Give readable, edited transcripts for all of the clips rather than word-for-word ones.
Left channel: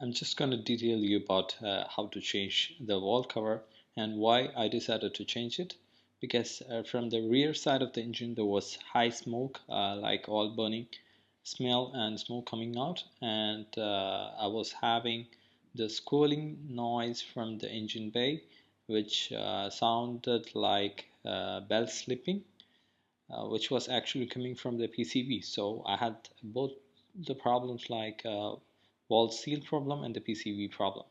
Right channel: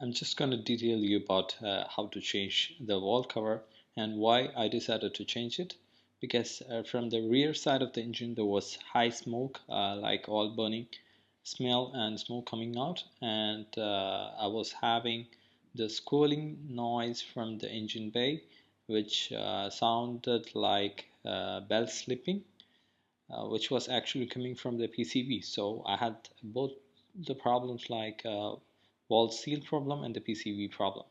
I'm just going to detail you about how to change the wall cover and why I decided to change it, because from the rear side of the engine there was high smoke, like oil burning smell and smoke coming out, and I was having the squealing noise from the engine bay, which sounded like belt slipping, which was actually coming from the PCB. So I had both the problems, like wall seal problem and the PCB problem.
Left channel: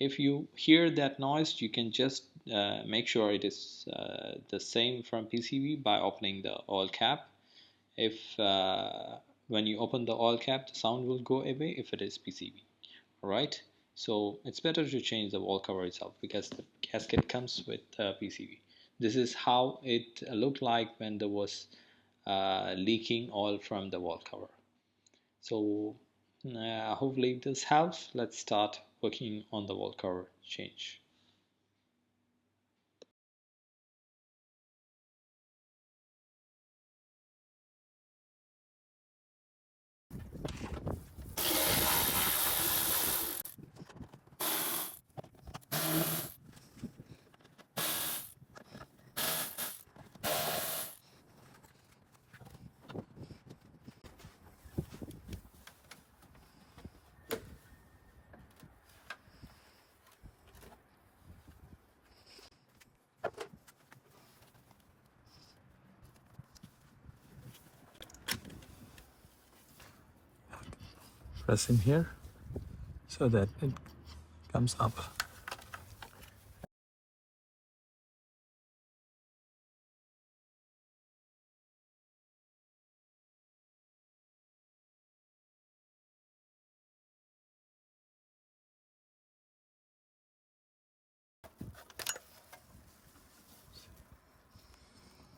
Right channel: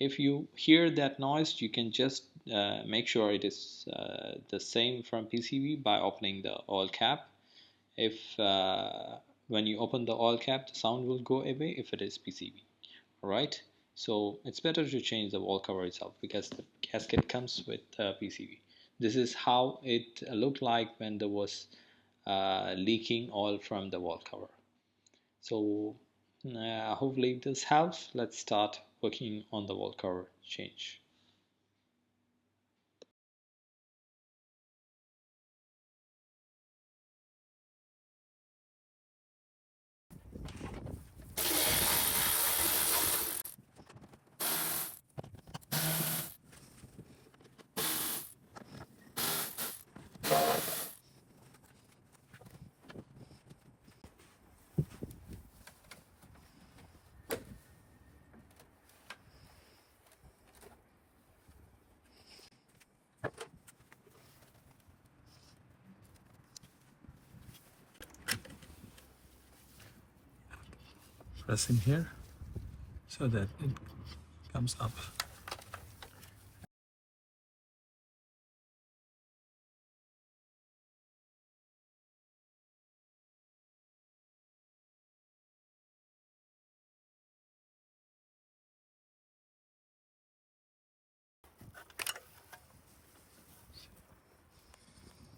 If you hear that noise, you can just make sure it is the same from PCB by opening the oil cap. If when you open the oil cap, the sound will go away if it is PCB. Alright, so it's better to change the wall cover itself because the gasket comes with PCB. This is how it looked like when there was leaking oil from the wall cover. So hopefully this helps. Let's start working on the wall cover change. Press in here so that it comes up.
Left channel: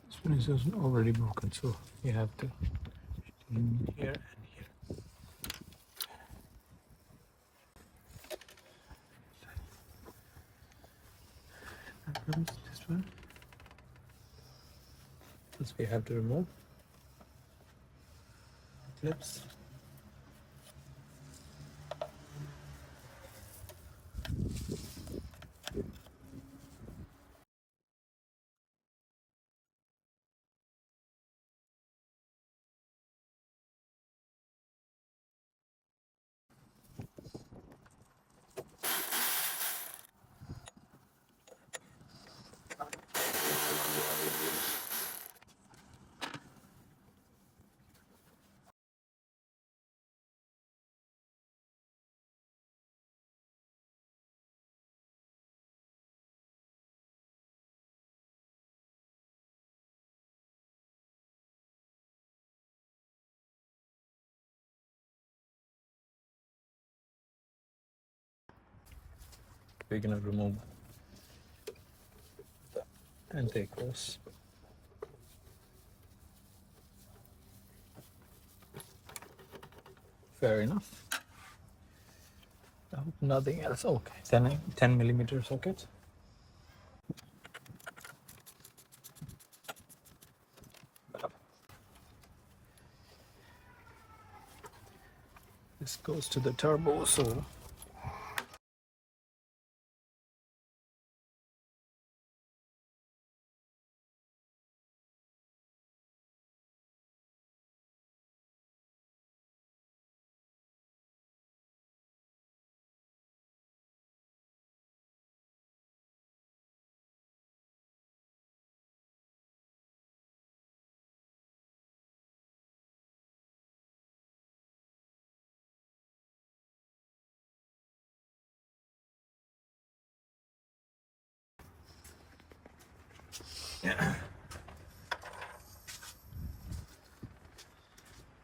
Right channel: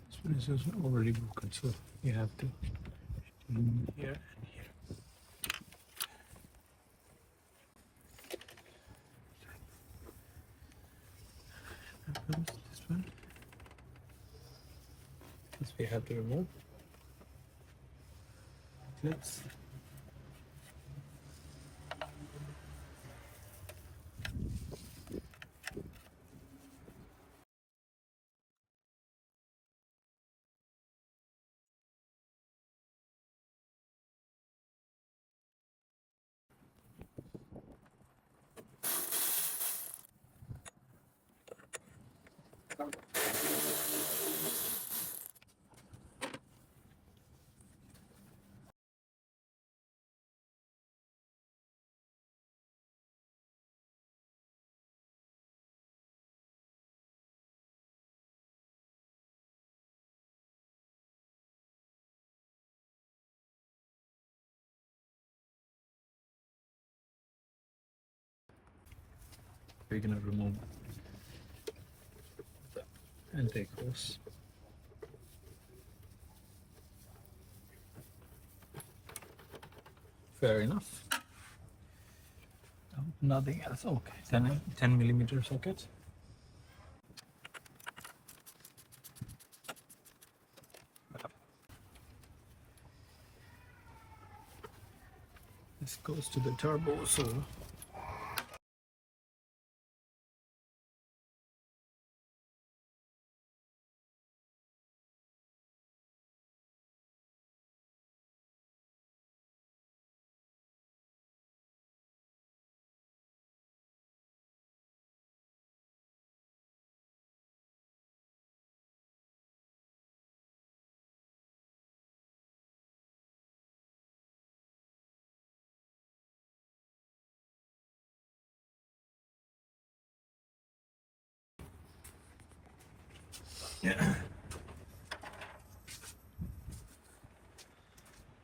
This one is already broken, so you have to in here and here. This one. This we have to remove clips. We're gonna remove and take this. Fair enough. Nothing else. Okay, 10 millimeter socket. This goes to the turbo, so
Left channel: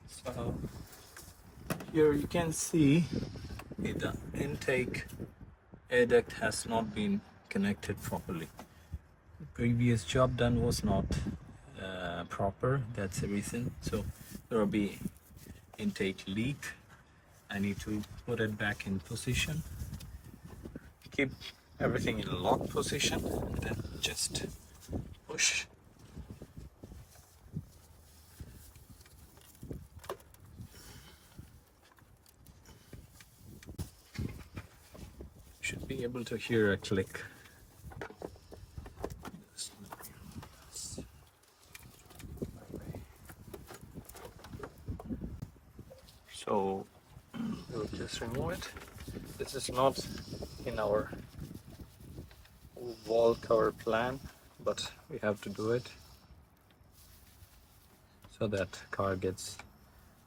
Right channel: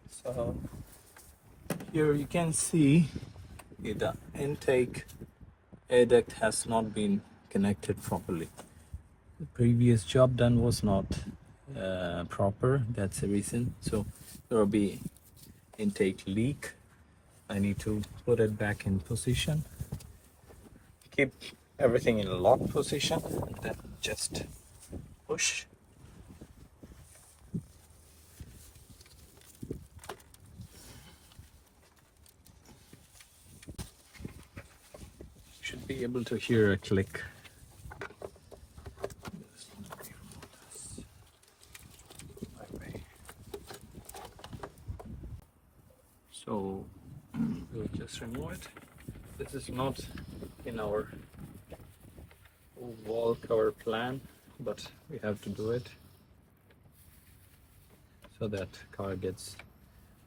so here you can see the intake air duct has not been connected properly. The previous job done was not proper. That's the reason. So there will be intake leak. I need to put it back in position. Keep everything in lock position, and then just push. should be able to hear a click. So we'll just remove it. This is not in our wall cover plan, but we have to do it so that car gets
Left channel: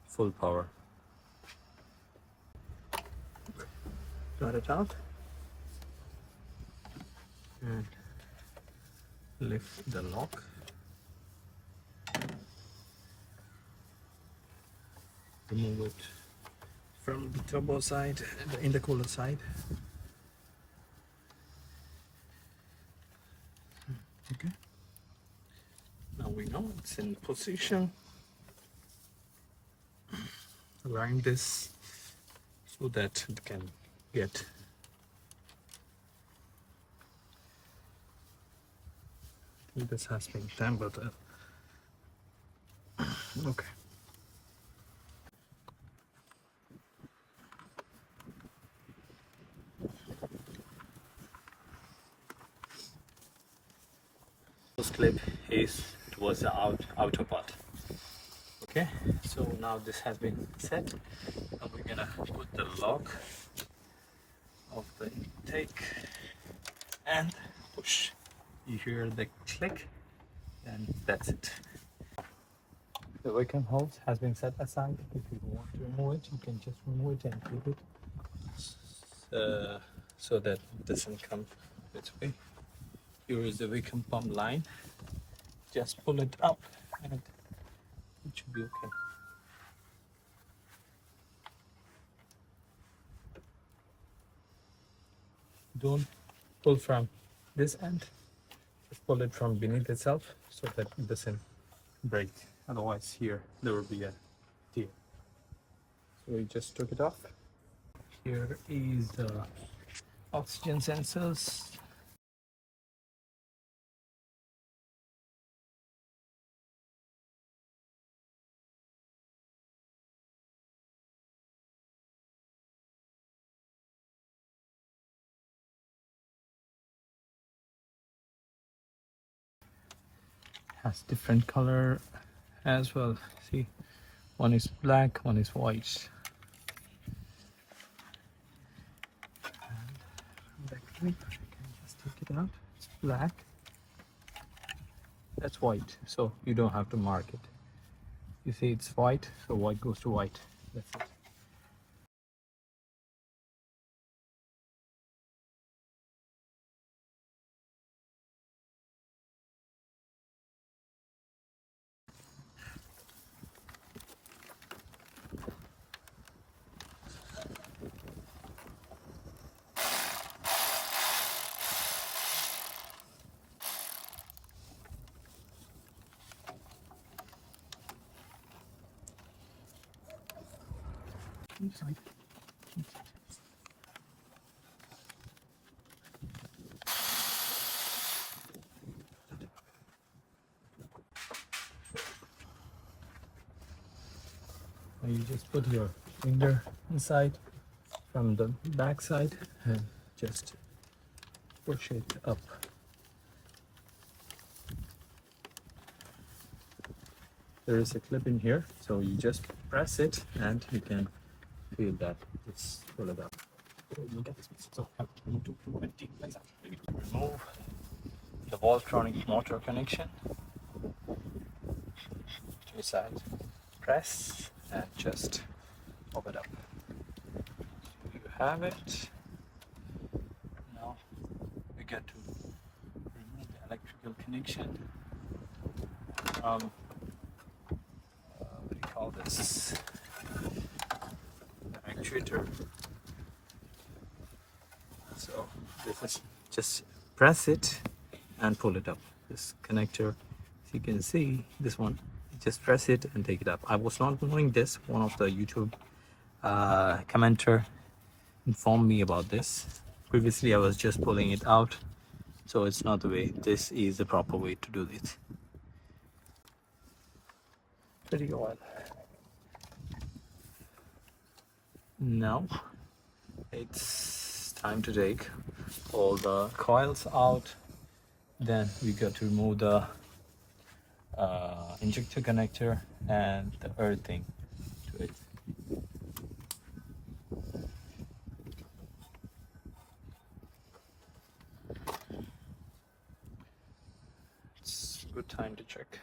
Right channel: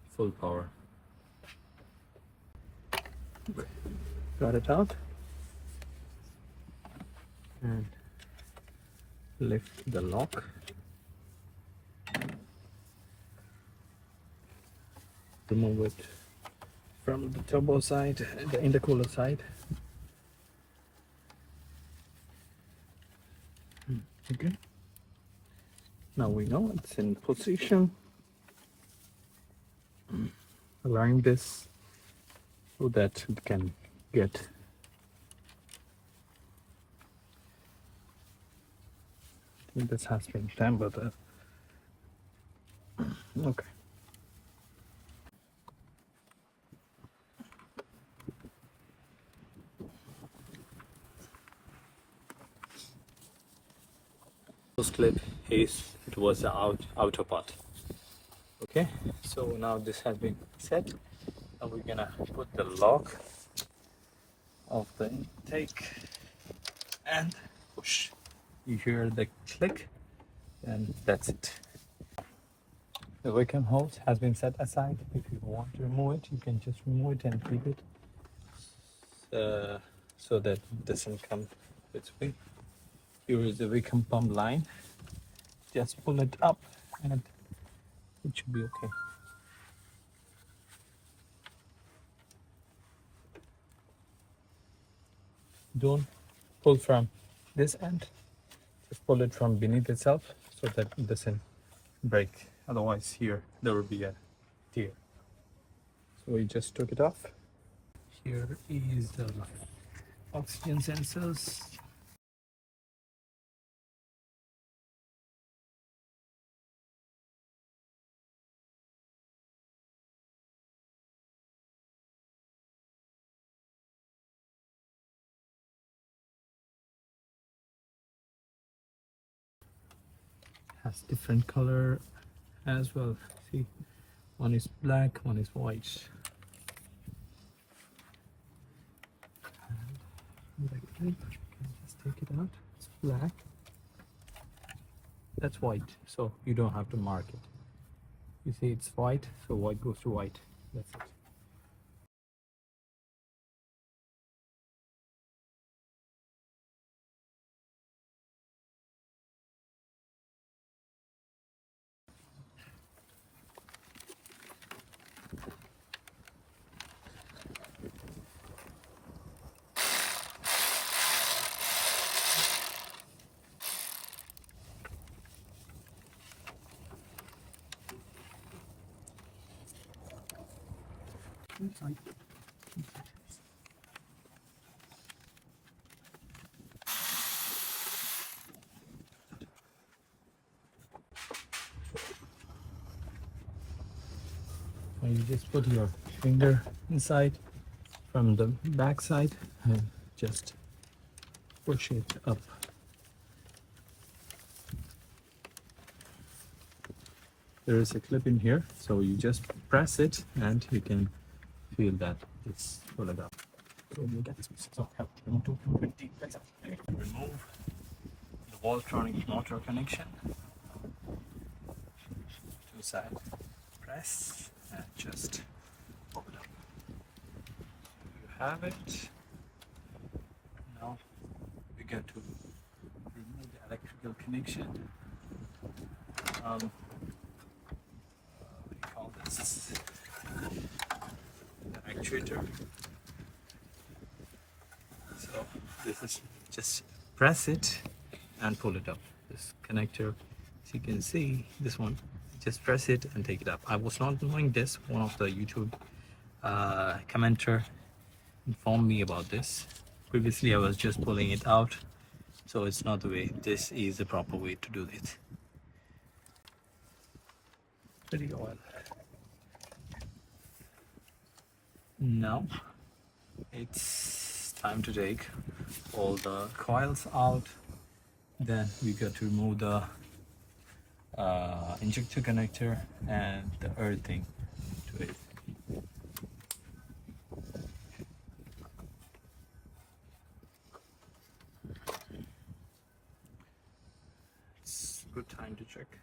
full power. Got it out and lift the lock. Remove it from the turbo side, the intercooler side. Okay. Now we know it's in position. Align this so that it can get this has been tampered. Okay. This clip is it was the outer part. Okay, so now this has been set and we're gonna put the lock of the intake and push. You hear the click and that's it. The vacuum hose has been set aside. If you want to remove it, you can just remove it and keep it so that it doesn't come its way. Here is the vacuum pump line. Just pull it up and it should be okay. Don't pull from this end, just pull it from beneath itself so that it doesn't break. Otherwise here there will be a tear. So we just took it off. Here is the oxygen sensors. Has different color as well. See, one is black, one is white. And the clip, you can just take it out. It's black. That's white, so you don't have to mark it. You see it's white, so white goes to white. That's it. Inside. And you just put your finger inside from the back side and just push it up. There is a clip in here, so you just press it and you can feel that. Just pull it up. So remove the Voltronic motor connection. Two sides. Press and just pop it up. You have it. Now we get to remove the electrical connection. What do you call this? The actuator. So this is just press it and pull it up. This connector, as you can see, this one, just press it and take it up. I was not knowing this. One of the YouTube commenter informed me about this. Previously I was just pulling it out, so it's not the way. This is the proper way to do this. Pretty oil. Now it's time to take all the coils out. Then we got to remove the injector connector and the earthing to it. It's a good time to check.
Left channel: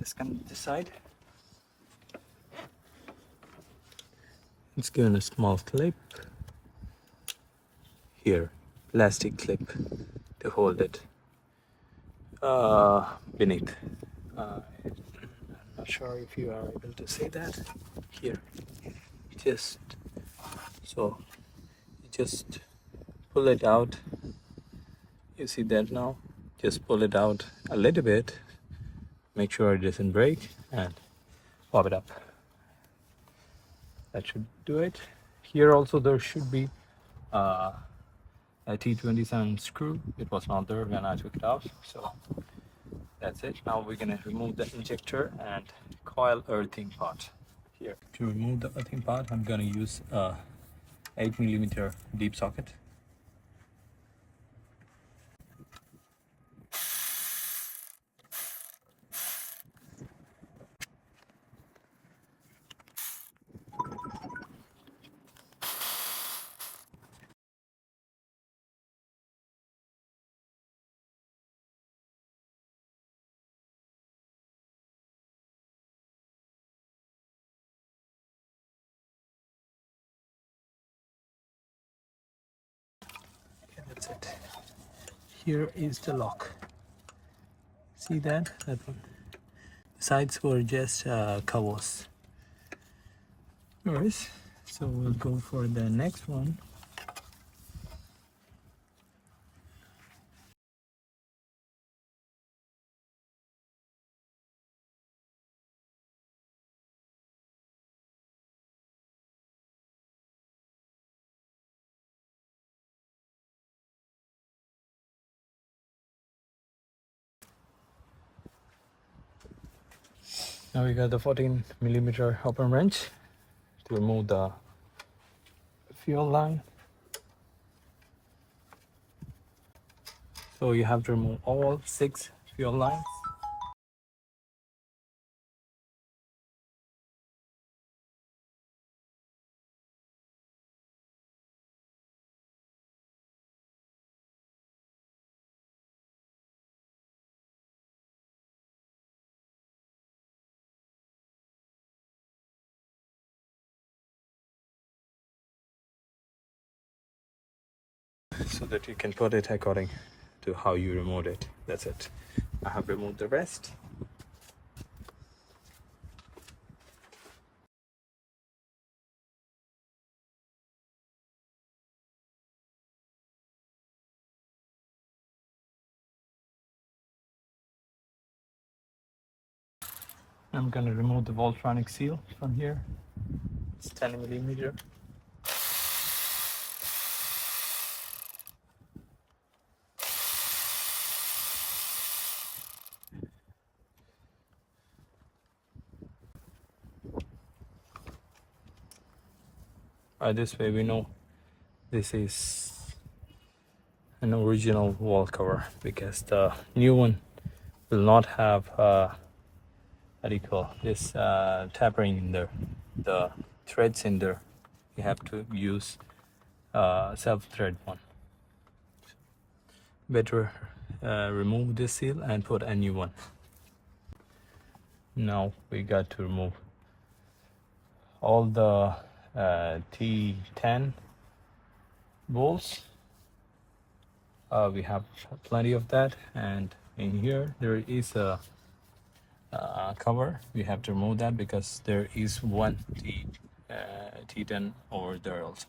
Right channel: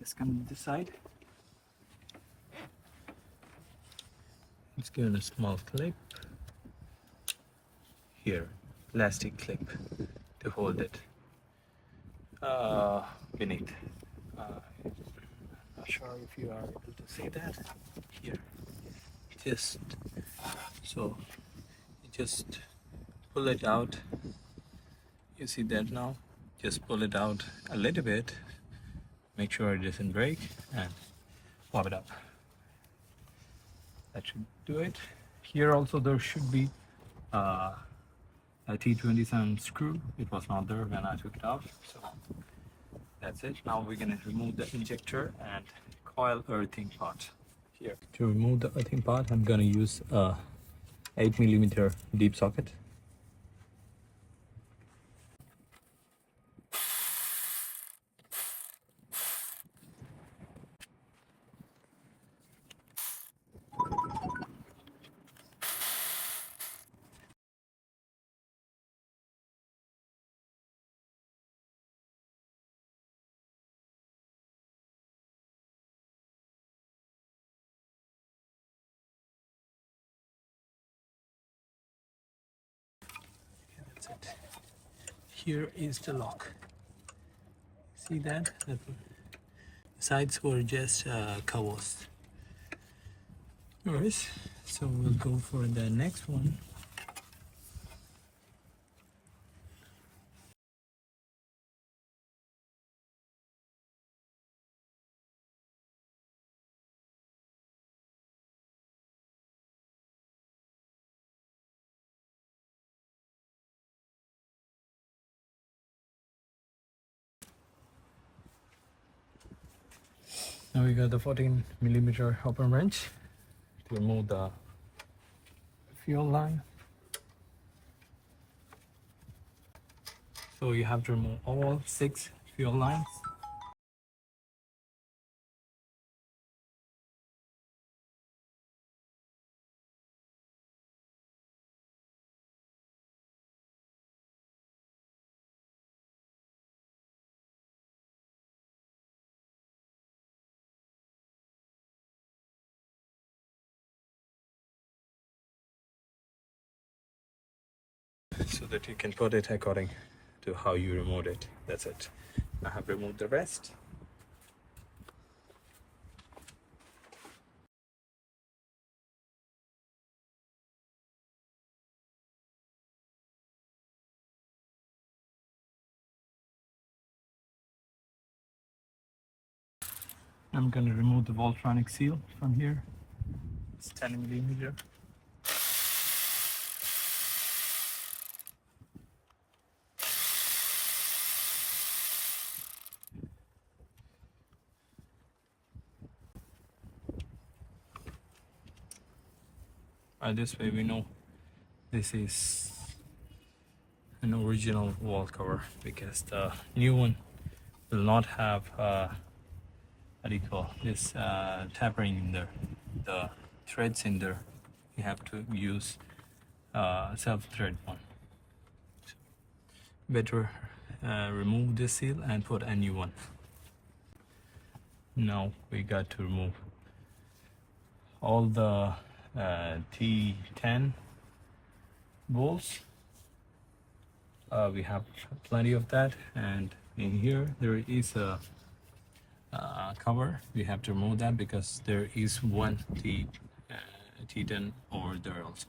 Let's come to this side. Let's give it a small clip here, plastic clip to hold it beneath. I'm not sure if you are able to see that here. Just so, just pull it out. You see that now? Just pull it out a little bit. Make sure it doesn't break and pop it up. That should do it. Here also there should be a T27 screw. It was not there when I took it off, so that's it. Now we're gonna remove the injector and coil earthing part. Here to remove the earthing part, I'm gonna use a 8mm deep socket. Okay, that's it. Here is the lock. See that? The sides were just covers. Alright, so we'll go for the next one. Now we got the 14mm open wrench to remove the fuel line. So you have to remove all 6 fuel lines. So that you can put it according to how you removed it. That's it. I have removed the rest. I'm gonna remove the Voltronic seal from here. It's 10mm. This way we know this is an original wall cover, because the new one will not have what do you call this tapering in there, the threads in there. You have to use self-thread one. Better remove this seal and put a new one. Now we got to remove all the T10 bolts. We have plenty of that, and in here there is a cover. We have to remove that because there is one T10 over there also.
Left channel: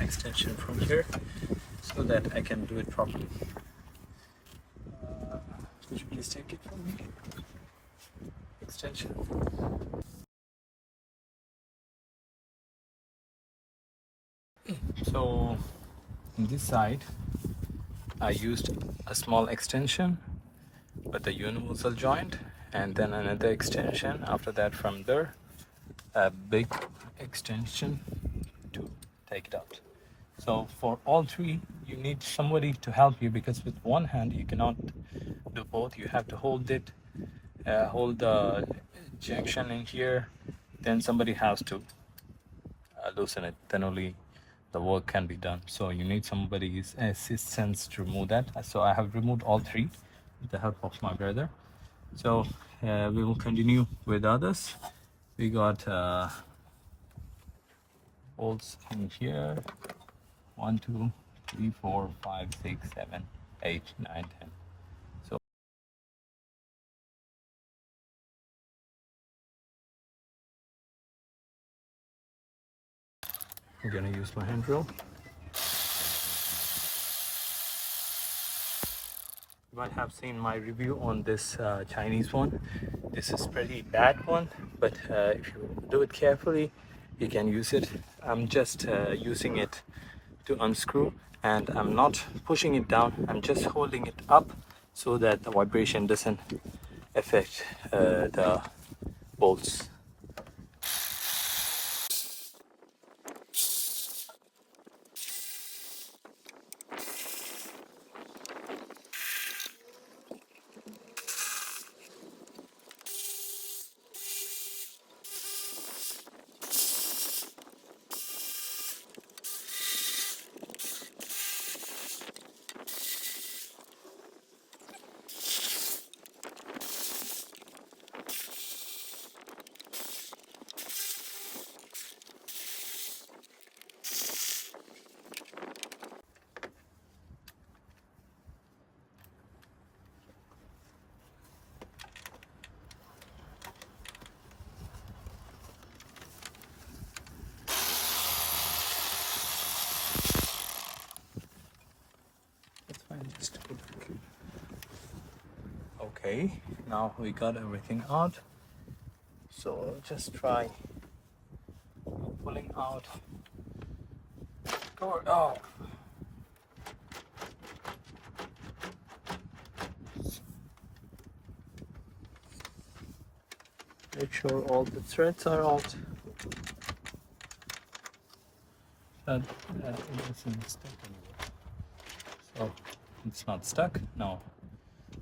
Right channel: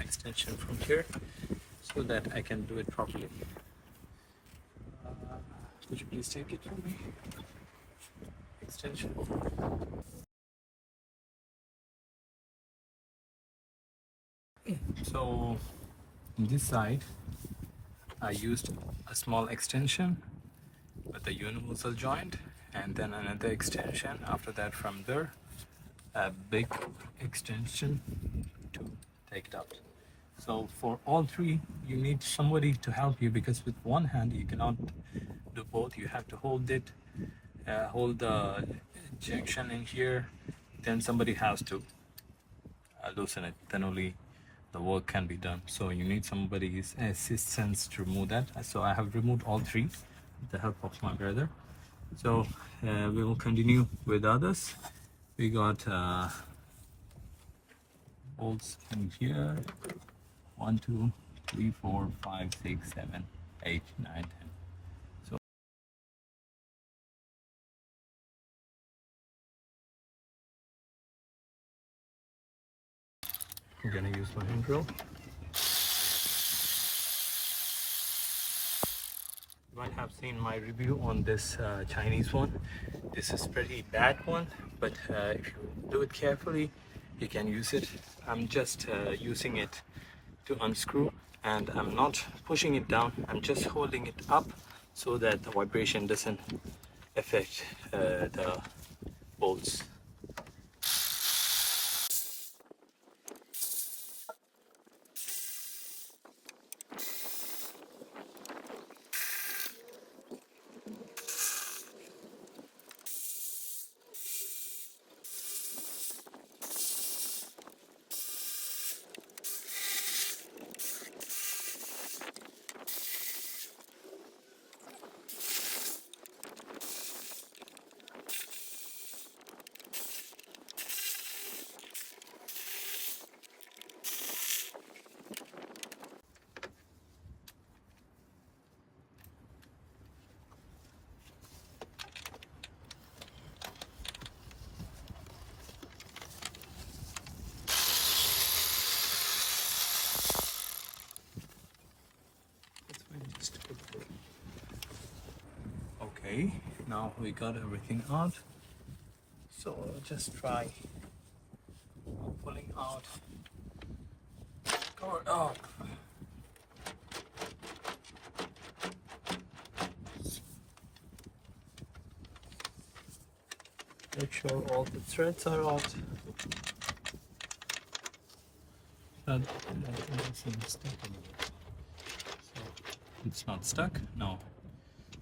Extension from here so that I can do it properly. Could you please take it from me? Extension. So on this side I used a small extension with the universal joint, and then another extension after that from there, a big extension to take it out. So for all three you need somebody to help you, because with one hand you cannot do both. You have to hold it, hold the junction in here, then somebody has to loosen it, then only the work can be done. So you need somebody's assistance to remove that. So I have removed all three with the help of my brother. So we will continue with others. We got bolts in here: 1 2 3 4 5 6 7 8 9 10. So I'm gonna use my hand drill. You might have seen my review on this Chinese one. This is pretty bad one, but if you do it carefully, you can use it. I'm just using it to unscrew, and I'm not pushing it down. I'm just holding it up so that the vibration doesn't affect the bolts. That's fine. Just okay. Now we got everything out. So just try pulling out. Cover. Oh. Make sure all the threads are out. That isn't stuck anywhere. So it's not stuck. Now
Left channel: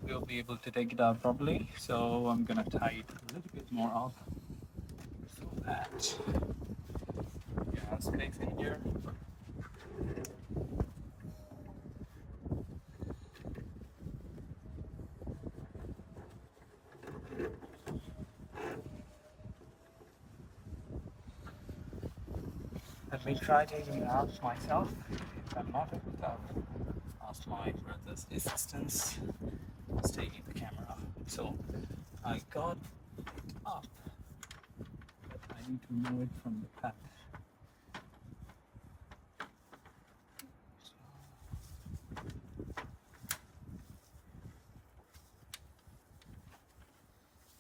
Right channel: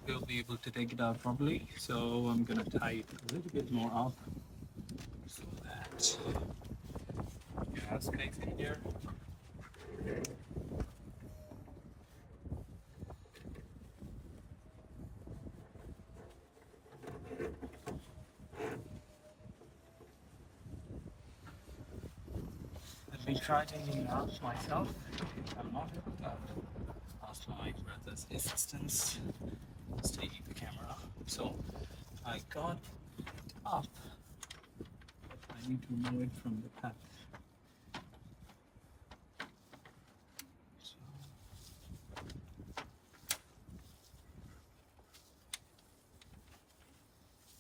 we'll be able to take it out properly. So I'm gonna tie it a little bit more up so that you have space in here. Let me try taking it out myself. If I'm not able to, ask my brother's assistance. It's taking the camera. So I got up. I need to remove it from the pack.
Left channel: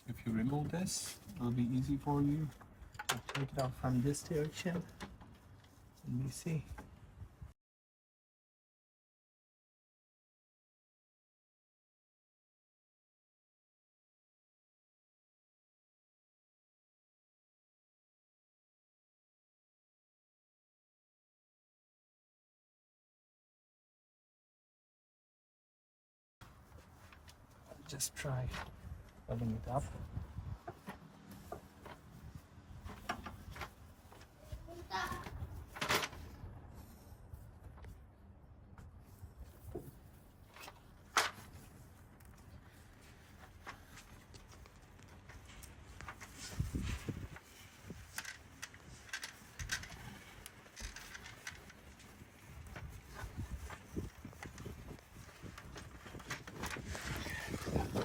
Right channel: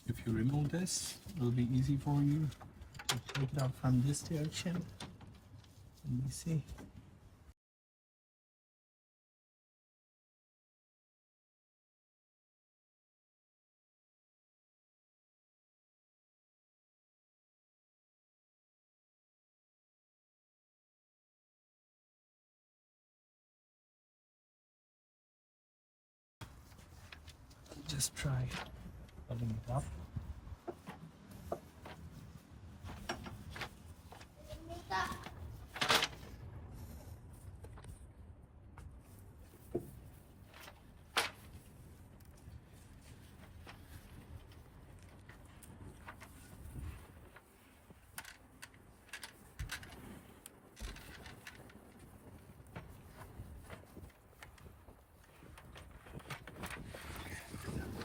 If you remove this, it will be easy for you to take it out from this direction. Let me see. just try opening it up.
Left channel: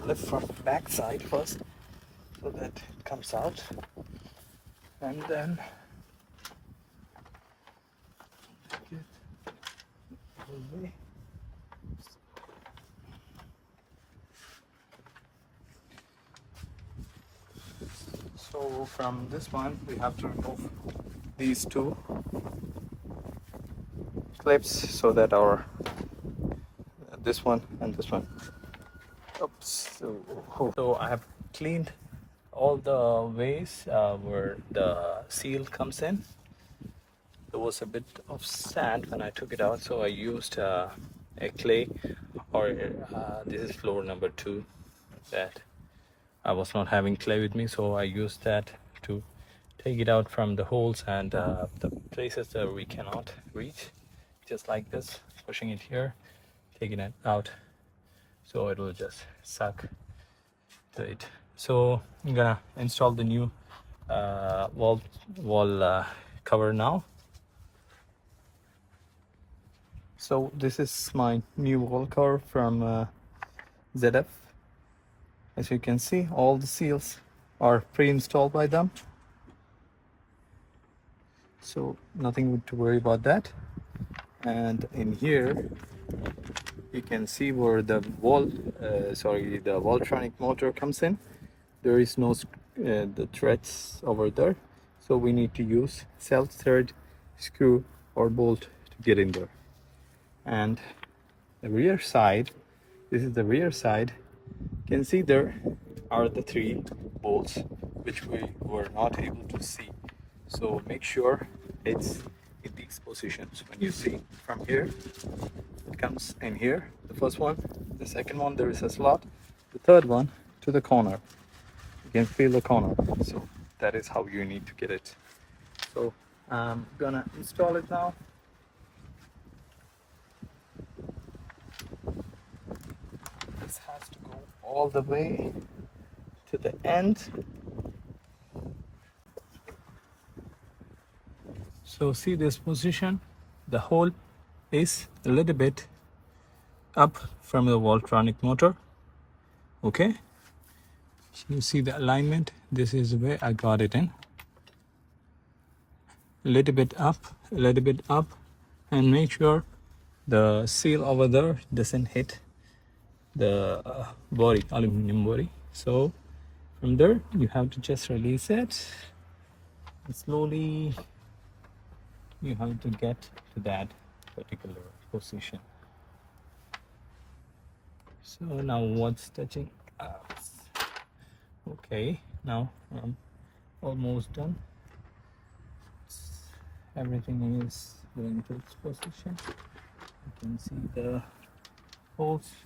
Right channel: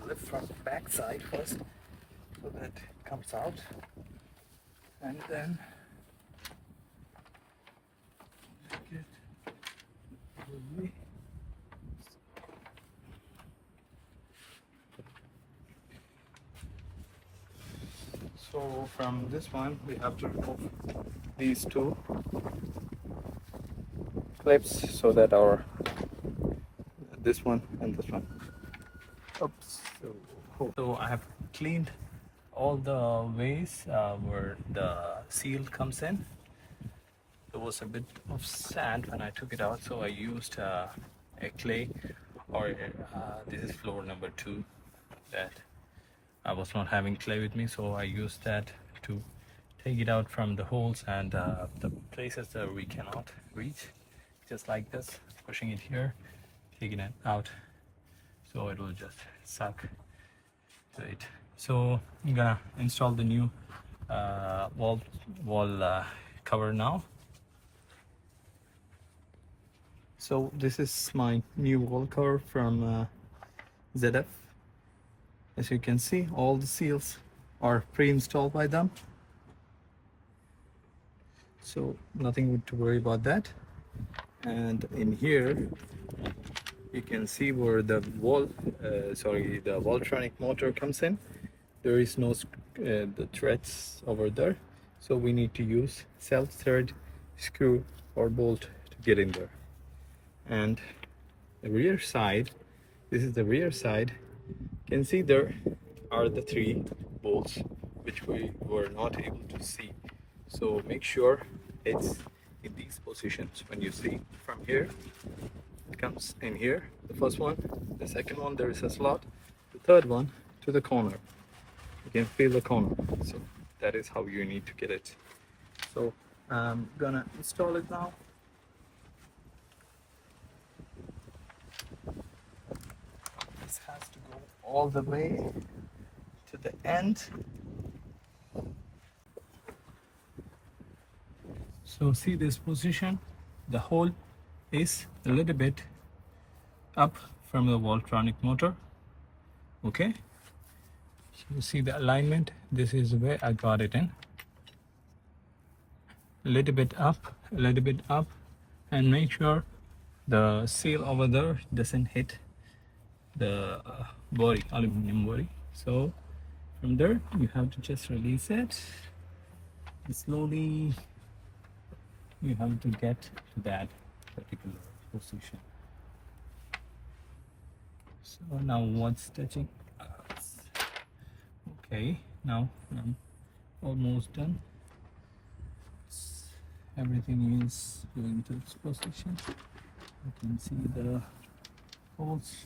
Lift from the back side first so that it comes out, and then get away. So from this one we have to remove these two clips so that our this one and this one. Oops. So I have cleaned all the ways where the seal comes in. There was a bit of sand when I took it out, so I used a clay, or this is floor number 2 that I was not having clay with me, so I used that to take it out from the holes and the places that we cannot reach, just like this, pushing it here, taking it out, so it will just suck to it. So I'm gonna install the new wall cover now. So this is my new wall cover from ZF. As you can see, all the seals are pre-installed by them, so nothing to worry about that. And in here you can see where the the Voltronic motor comes in. There is no the threads over there, so we need to use self-thread screw or bolt to get in there. And the rear side, this is the rear side. You can see there are the 3 bolts which we were not able to see, so make sure it's in these positions. When you see from here, it comes in here, the first one, the second one there is a slot, the third one to the corner. You can feel the corner, so that is how you need to get it. So I'm gonna install it now. This has to go all the way to the end. So see this position, the hole is a little bit up from the Voltronic motor. Okay, so you see the alignment, this is the way I got it in. A little bit up, and make sure the seal over there doesn't hit the body, aluminum body. So from there you have to just release it, and slowly you have to get to that particular position. So now what's touching us? Okay, now I'm almost done. Everything is going to its position. You can see the holes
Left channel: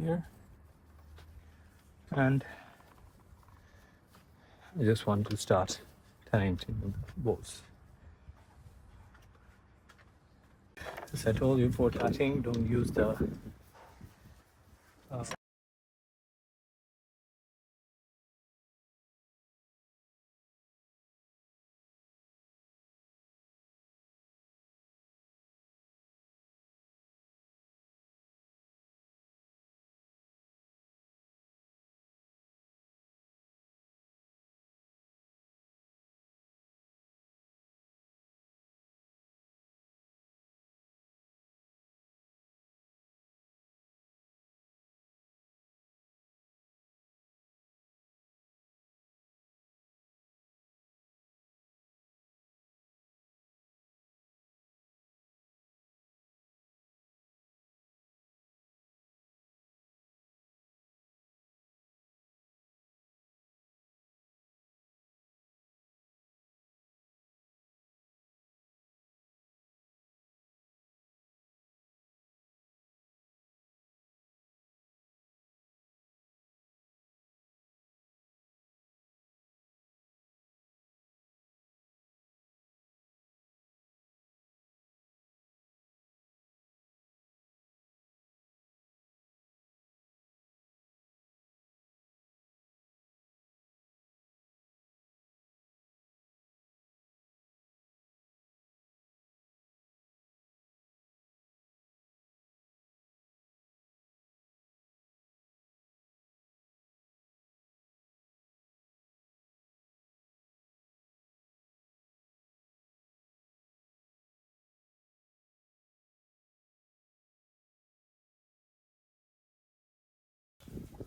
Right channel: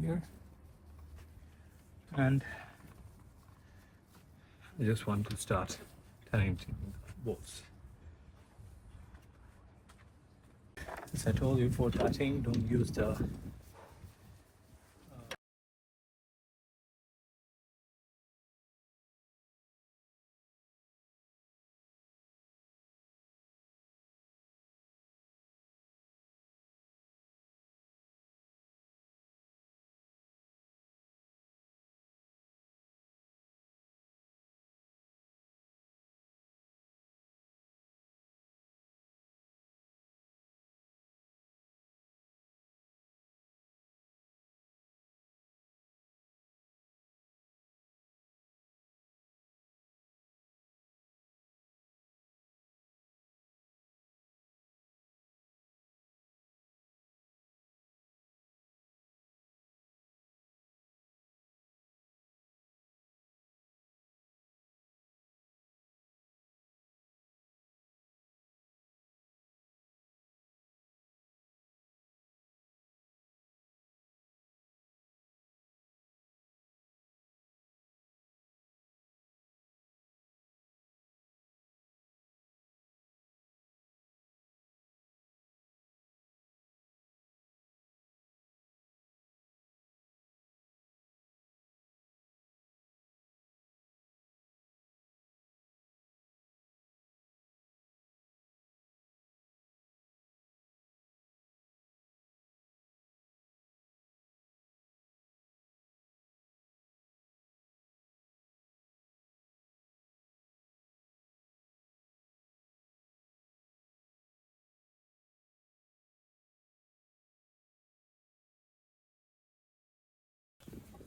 here, and I just want to start tying to the bolts. As I told you, for tying, don't use the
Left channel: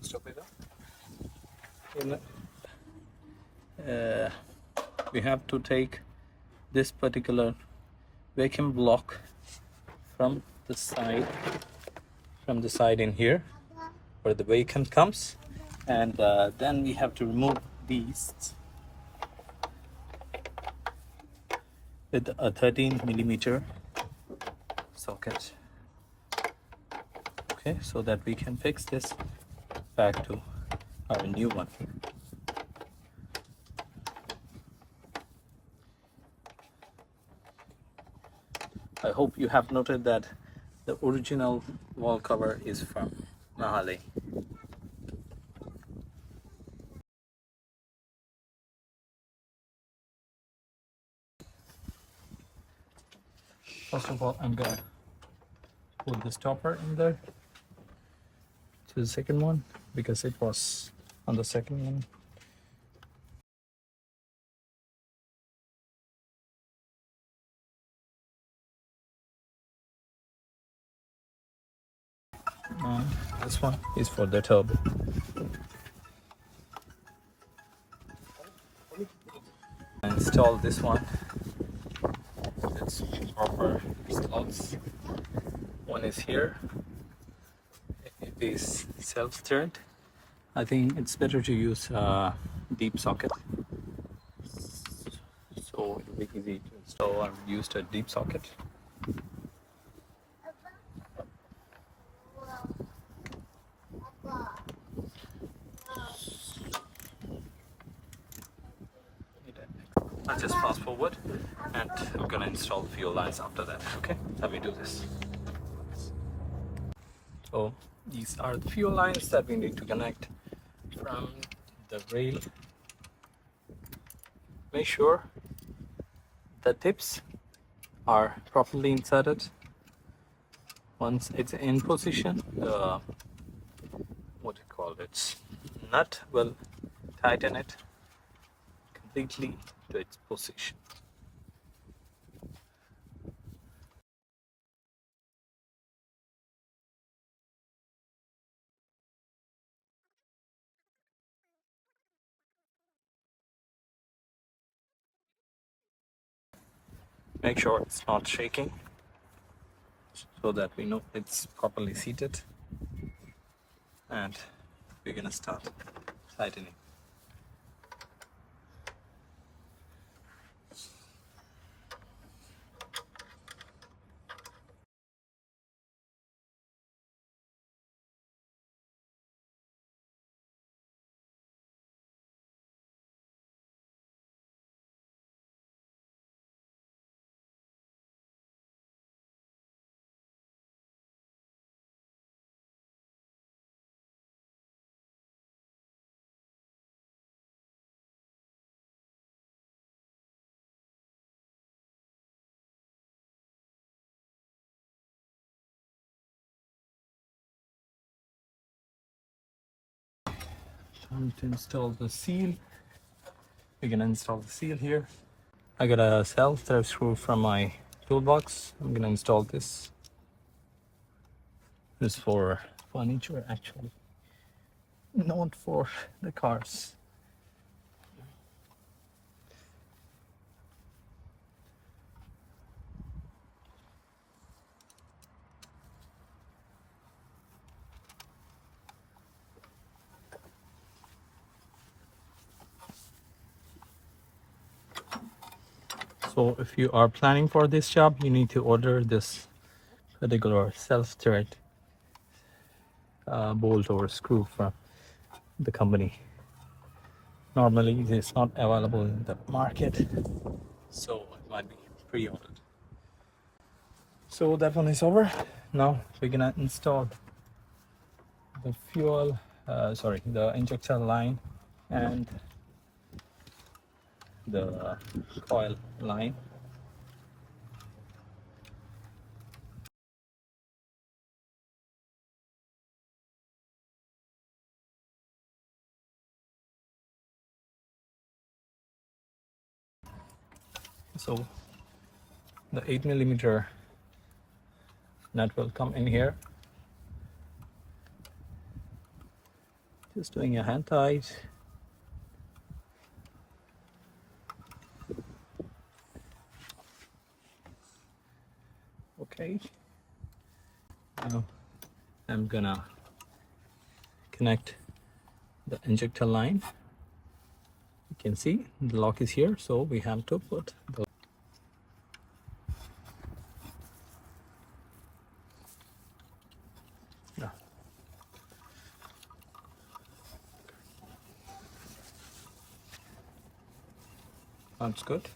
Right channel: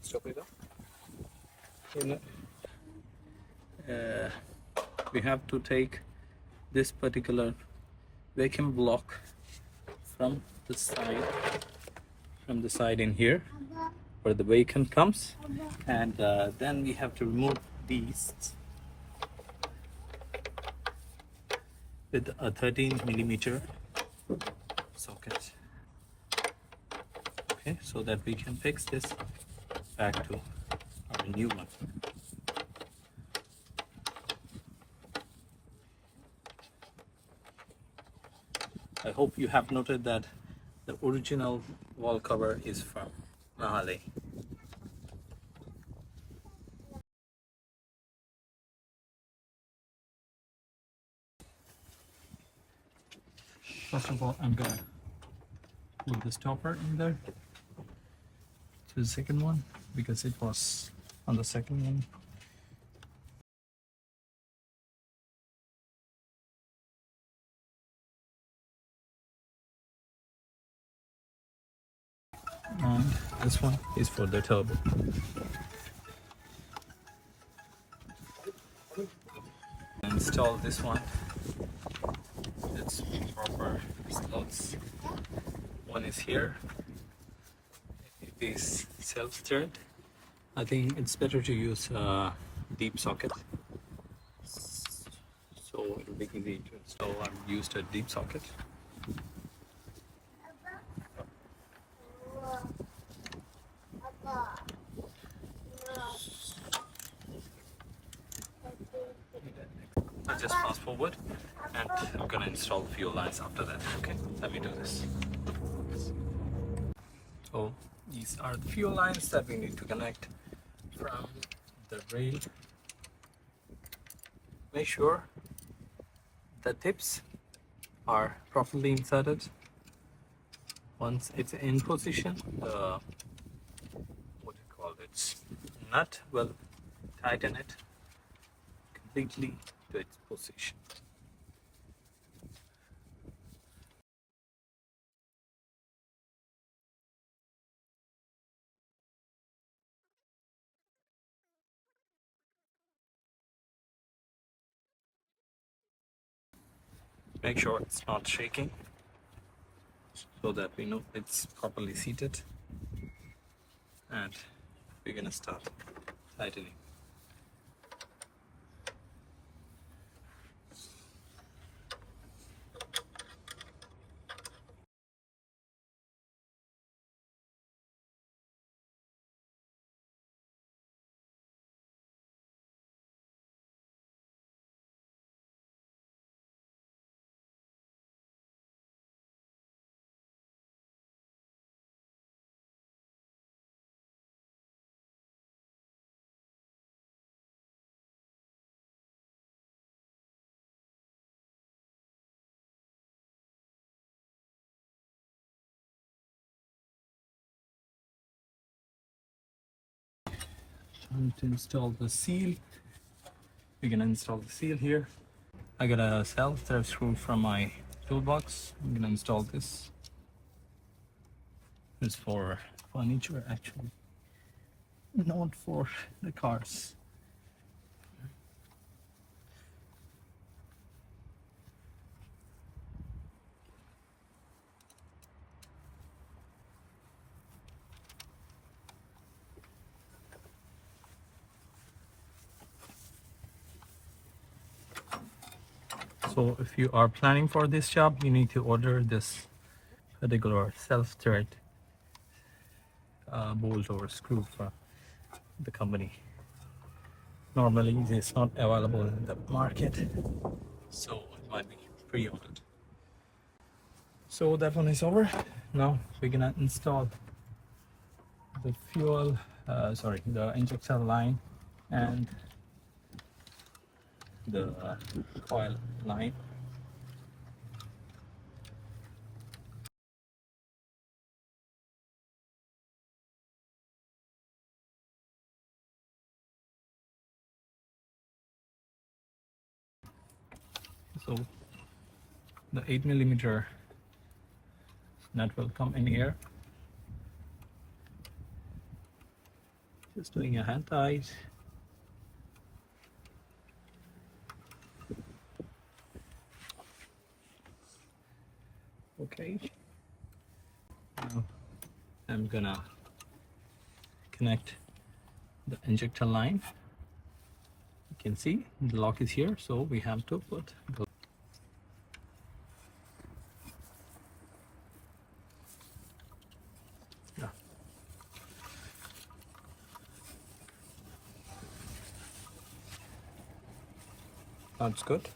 Stop it up. We have to take this particular vacuum block from the side in here where the vacuum comes, and then we have to remove these with a 13mm socket. Okay, so that we can fix this back to our new one. I hope you have noted that the original wall cover is from Mahale. First of all, I'm gonna put the stopper in there to the second one because it was on the second one. This one is for the turbo. Install this one. It's proper slots. One is here. It is self-steered. I think it's better to use a deep socket, so it'll be easy to install. I've used a deep socket. I just fast forward and I'm gonna install the fuel lines after that. Okay, let me do this. So these are the fuel lines that we need to connect from the rail. Make sure the tips are properly inserted. Once it's in position, the what do you call it, nut will tighten it completely to its position. Make sure it's not shaking so that we know it's properly seated, and we're gonna start tightening. Time to install the seal. We're gonna install the seal here. I got a self-thread screw from my toolbox. I'm gonna install this. This is for furniture actually, not for the cars. So if you are planning for this job, you need to order this particular self-thread bolt or screw from the company. Normally it's not available in the market, so it might be pre-ordered. So that one is over. Now we're gonna install the the injector line and the coil line. So the 8mm nut will come in here, Just doing a hand tight. Okay. Now I'm gonna connect the injector line. You can see the lock is here, so we have to put the yeah. That's good.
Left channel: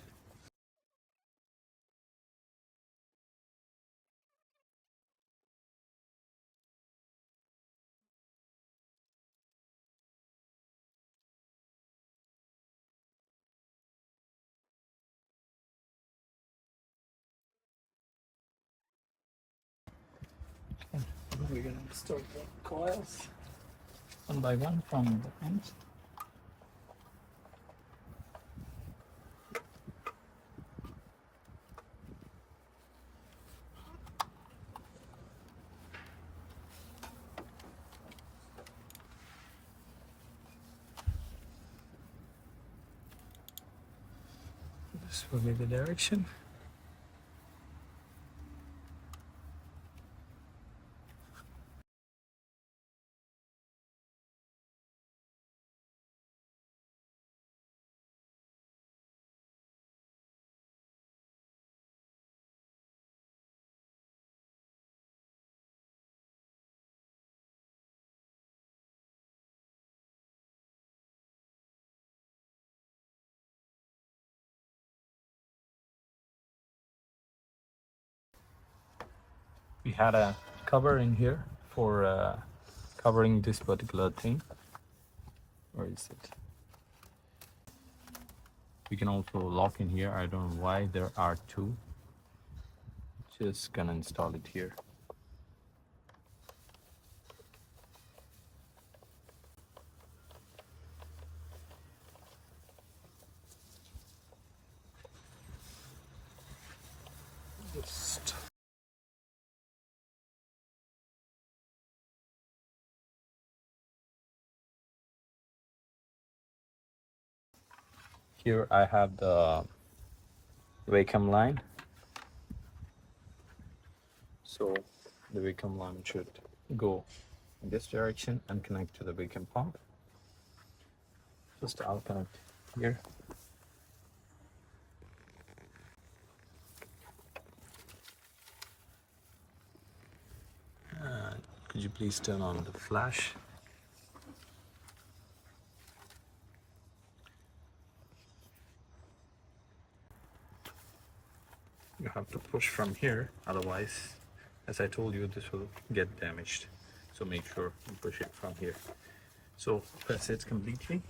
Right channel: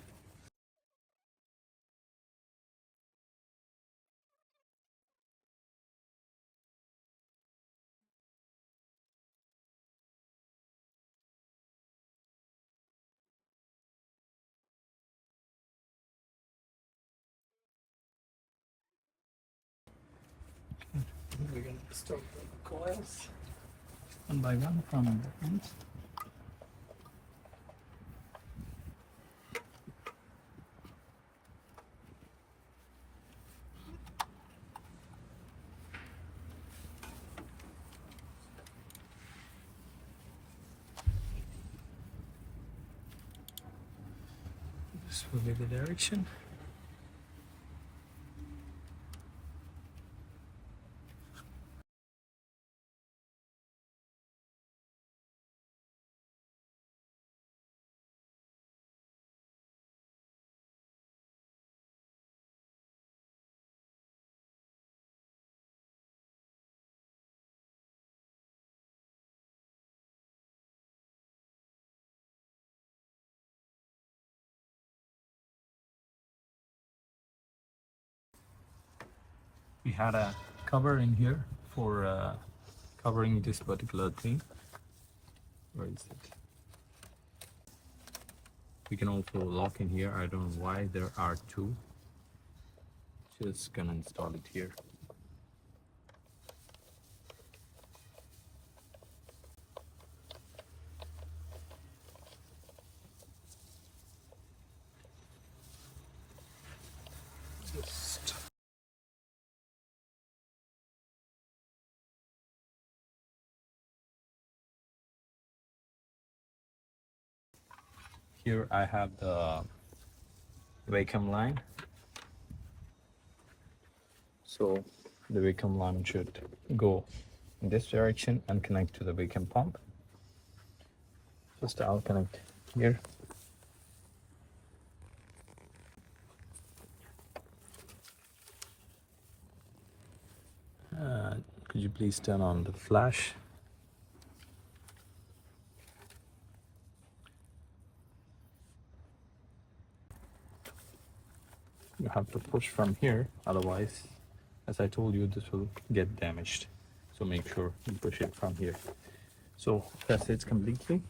Okay. We're gonna install the coils one by one from the front. This will be the direction. We had a cover in here for covering this particular thing. Where is it? We can also lock in here. I don't know why there are two. Just gonna install it here. Just here I have the Wacom line. So the Wacom line should go in this direction and connect to the Wacom pump. Just I'll connect here. Could you please turn on the flash? You have to push from here, otherwise, as I told you, this will get damaged. So make sure you push it from here. So press it completely.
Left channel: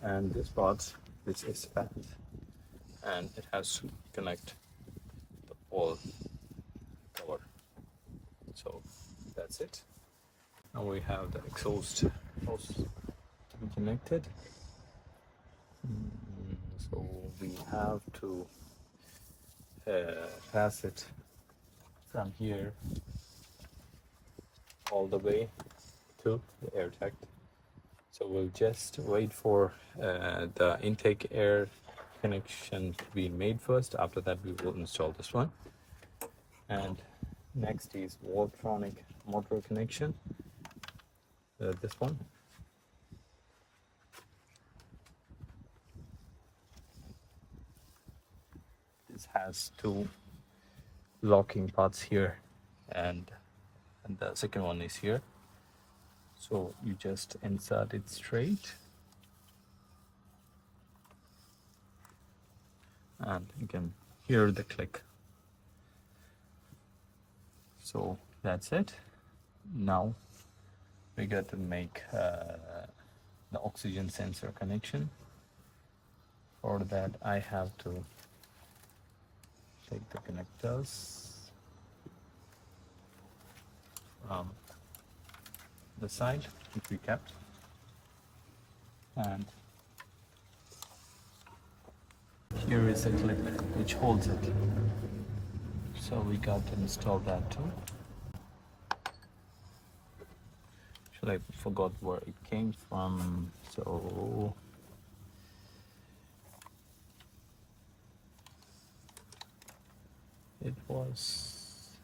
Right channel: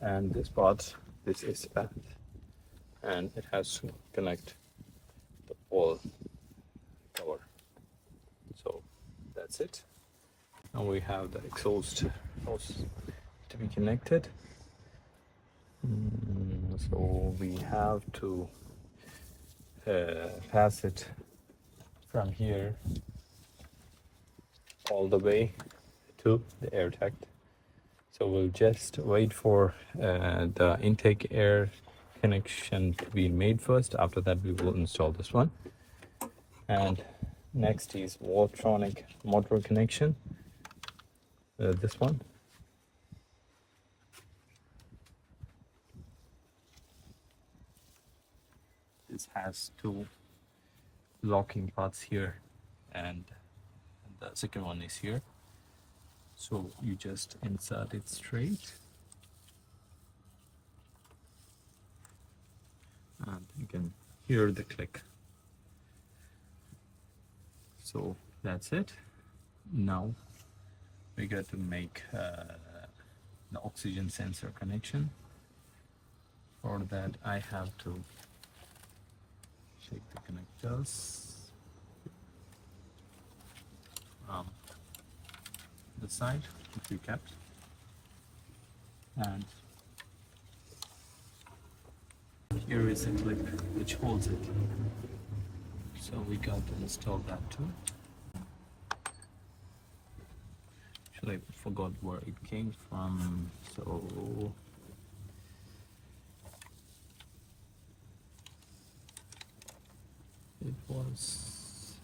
And this part, this is it. And it has to connect the whole power. So that's it. Now we have the exhaust hose to be connected. So we have to pass it from here all the way to the air duct. So we'll just wait for the intake air connection to be made first. After that we will install this one. And next is Voltronic motor connection. This one. This has two locking parts here, and the second one is here. So you just insert it straight, and you can hear the click. So that's it. Now we got to make the oxygen sensor connection. For that I have to check the connectors. The side which we kept, and here is a clip which holds it. So we got to install that too. Actually, I forgot where it came from. So it was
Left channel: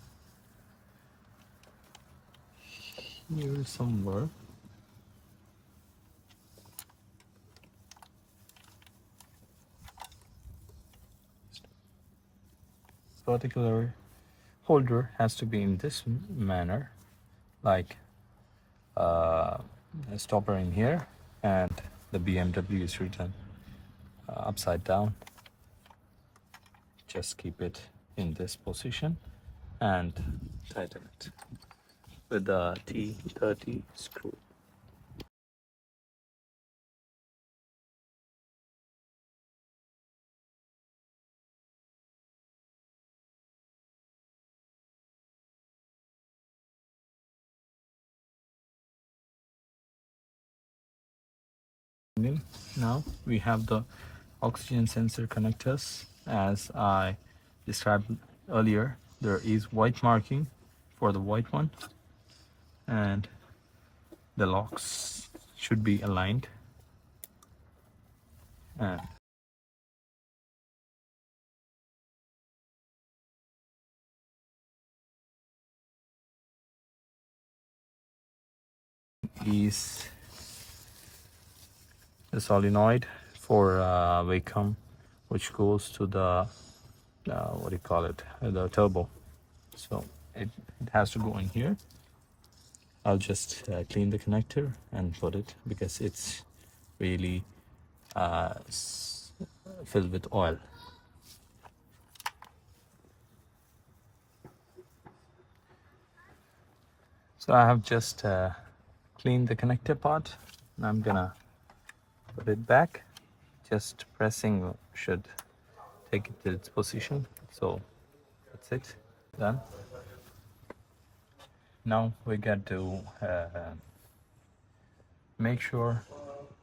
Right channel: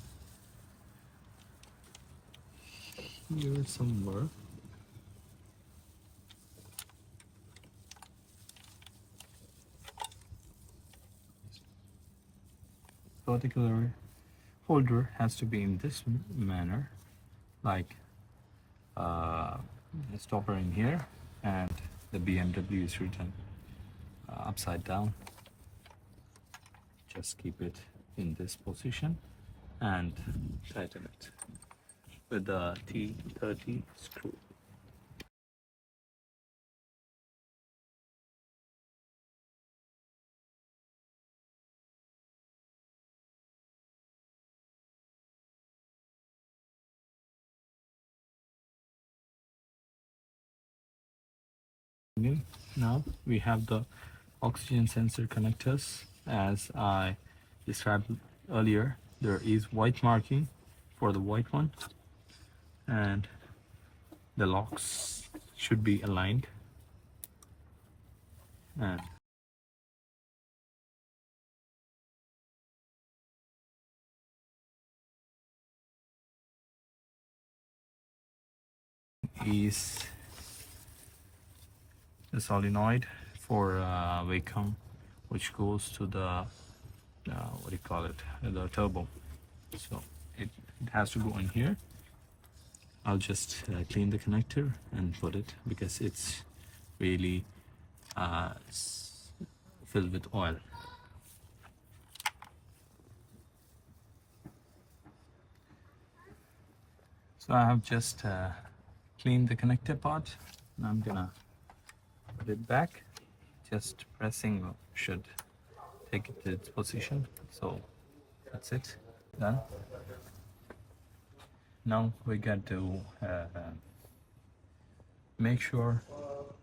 here somewhere. Particular holder has to be in this manner, like a stopper in here, and the BMW is written upside down. Just keep it in this position and tighten it with the T30 screw. Now we have the oxygen sensor connectors. As I described earlier, there is white marking for the white one, and the locks should be aligned. And is the solenoid for vacuum, which goes to the what do you call it, the turbo. So it has to go in here. I'll just clean the connector and put it, because it's really filled with oil. So I have just cleaned the connector part, and I'm gonna put it back. Just pressing should take it to its position. So that's it, done. Now we got to make sure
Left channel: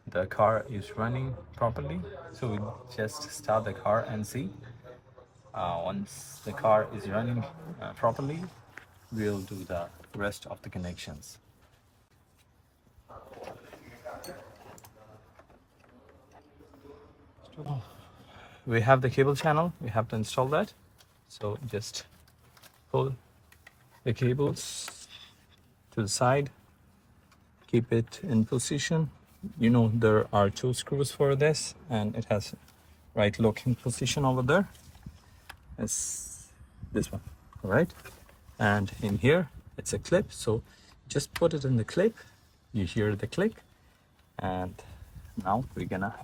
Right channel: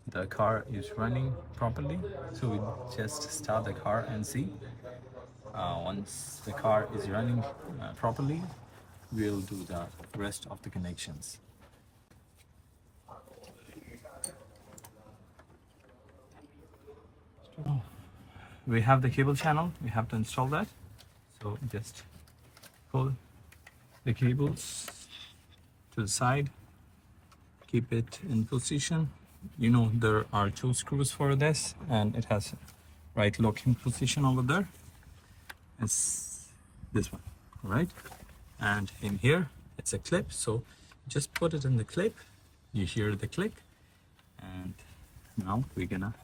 the car is running properly. So we just start the car and see. Once the car is running properly, we'll do the rest of the connections. We have the cable channel, we have to install that. So just pull the cables to the side, keep it in position. You know, there are two screws for this, and it has right locking position over there. It's this one, all right? And in here, it's a clip, so just put it in the clip. You hear the click, and now we're gonna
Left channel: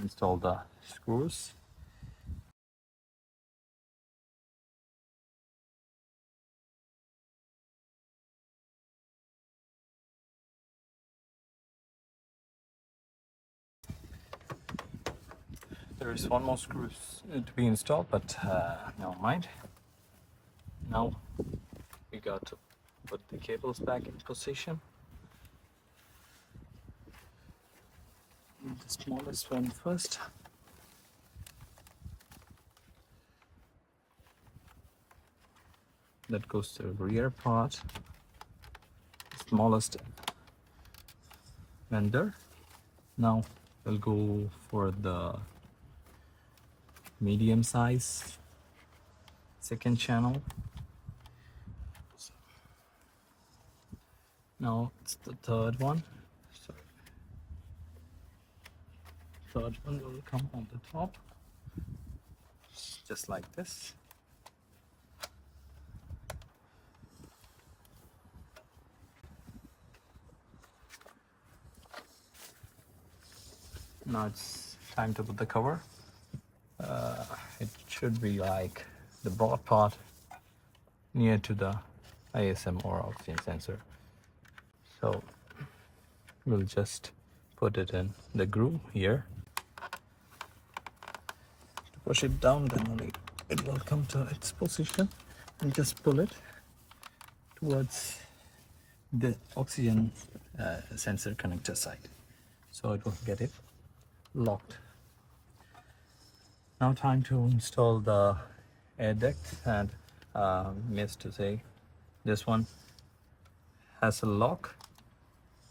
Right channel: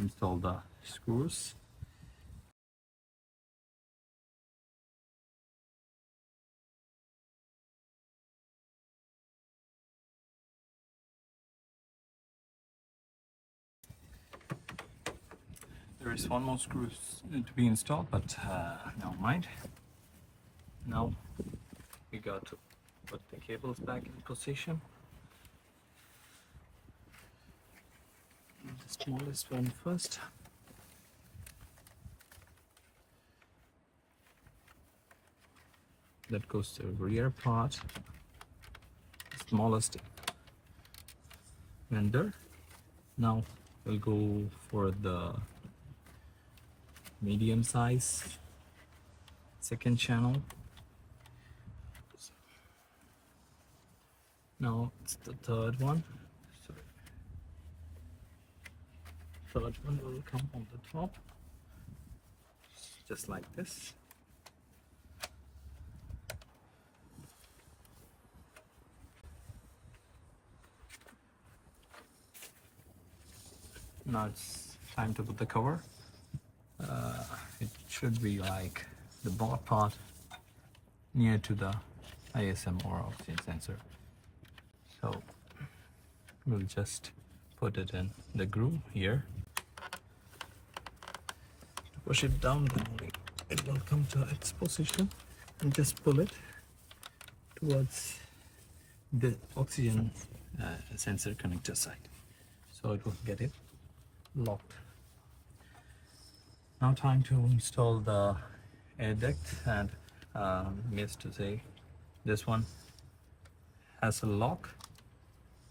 install the screws. There is one more screw to be installed, but never mind. Now we got to put the cables back in position. The smallest one first. That goes to the rear part. Smallest vendor. Now we'll go for the medium size second channel. Now it's the third one. So third one will come on the top, just like this. Now it's time to put the cover. It should be like the broad part near to the ISM or oxygen sensor. So we'll just put it in the groove here. Push it down, then only it will come to its position, and just pull it towards the oxygen sensor connector side, so it will get it locked. Now time to install the air duct, and missed to say, this one has a lock,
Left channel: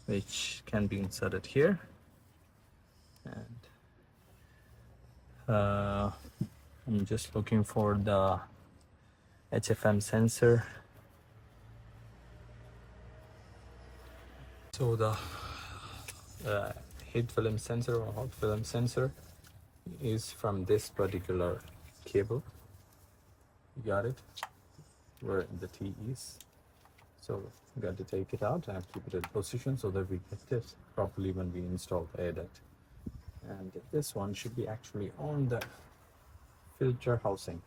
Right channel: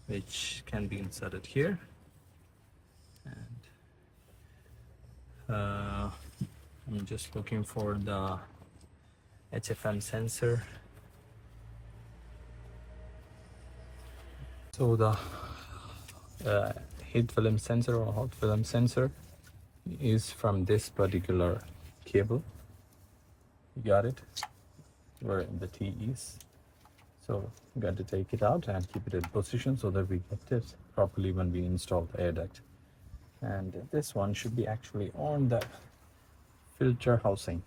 which can be inserted here. And I'm just looking for the HFM sensor. So the heat film sensor or hot film sensor is from this particular cable. You got it? Where the T is. So we got to take it out and keep it in position so that we get it properly when we install the air duct. And this one should be actually on the filter housing.